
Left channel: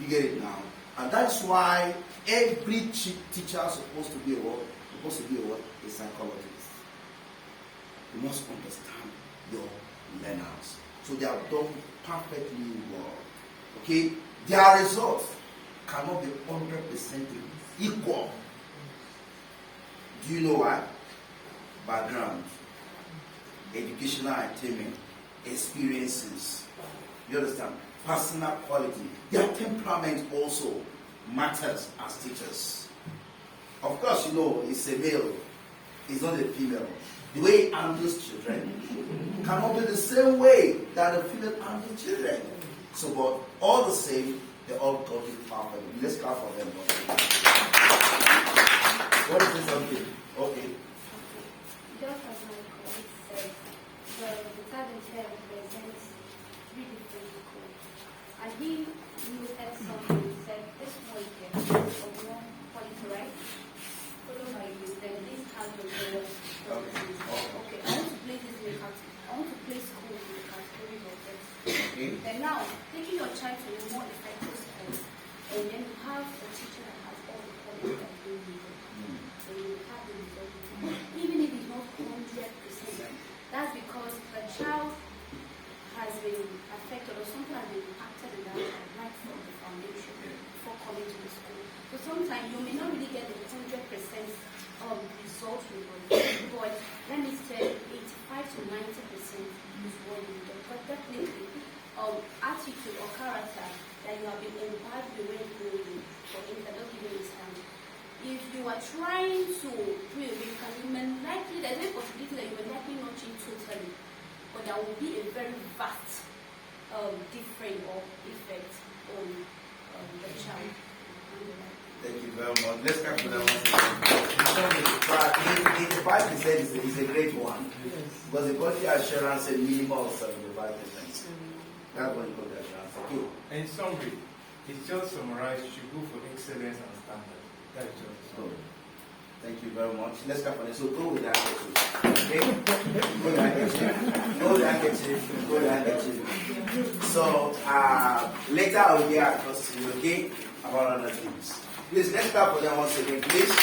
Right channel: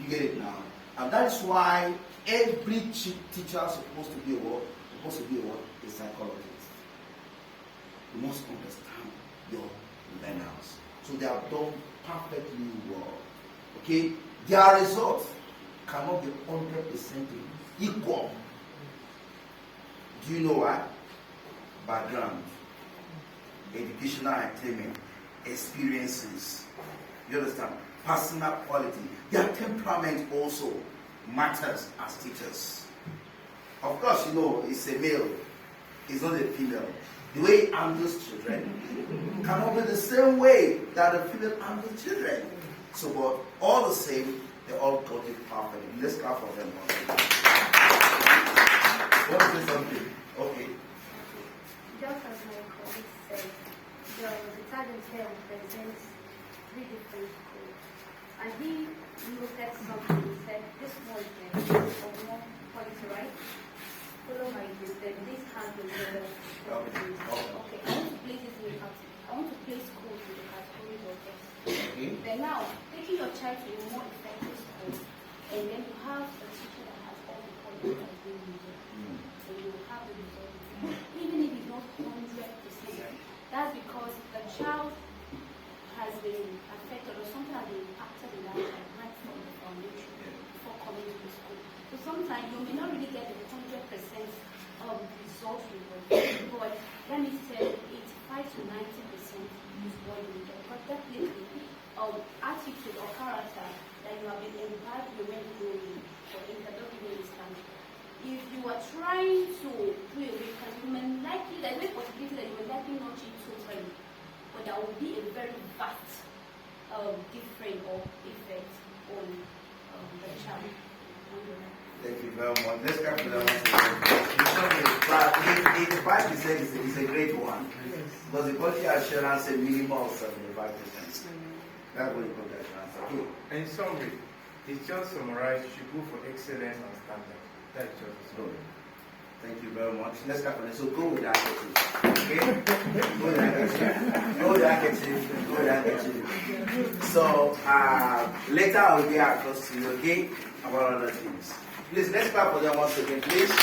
You get it now? And that's why every teacher is supposed to be a what? A psychologist. You must understand your learners. So they have done perfectly well. Okay? Their results cannot be 100% equal. Do you know why? Background, educational attainment, experiences. You understand? Personal quality. Their temperament also matters as teachers. Of course, it's a male, it's not a female. The way he handles children cannot be the same way that a female handles children. So, but all the same, they all got it perfect. Let's clap for them. Want to say something? Okay. Just as my colleague said, the talent here represents 3 different schools. And he looked at something and said, this one is of one quality, right? Follow my mistake. This has been the okay, I want to place this in I want to place schools in the category of this. Okay. Then now, taking your child to a more effective school, and then you have a teacher that has all the qualities that you need. So you have the result. Even if it's not 100%, that's because the child has been affected or something has been impacted in that child right from the foundation before coming to the school. So sometimes you may not really get the 100% result you want, but let me say 85 to 90% is what you get. But definitely, attitude or character that you have been imbibed with when growing, for instance, don't give me this time. If you are trying to do a weekend, you may likely, there's a possibility that you will likely not change totally, but there will be a very vast difference or effect on the child. Thank you very much. Let's come to that one. 85% is a great one. Because the quality assurance is minimum of 75%. That's what you call the assurance. Okay. In summary, it's just summarized, you should go for excellence and standard. That's just good. Thank you very much. Let's start from it. So go with that attitude. Okay? Go with that attitude. So later I will be across to you, okay? About other things. Please, let's clap for them once again, please.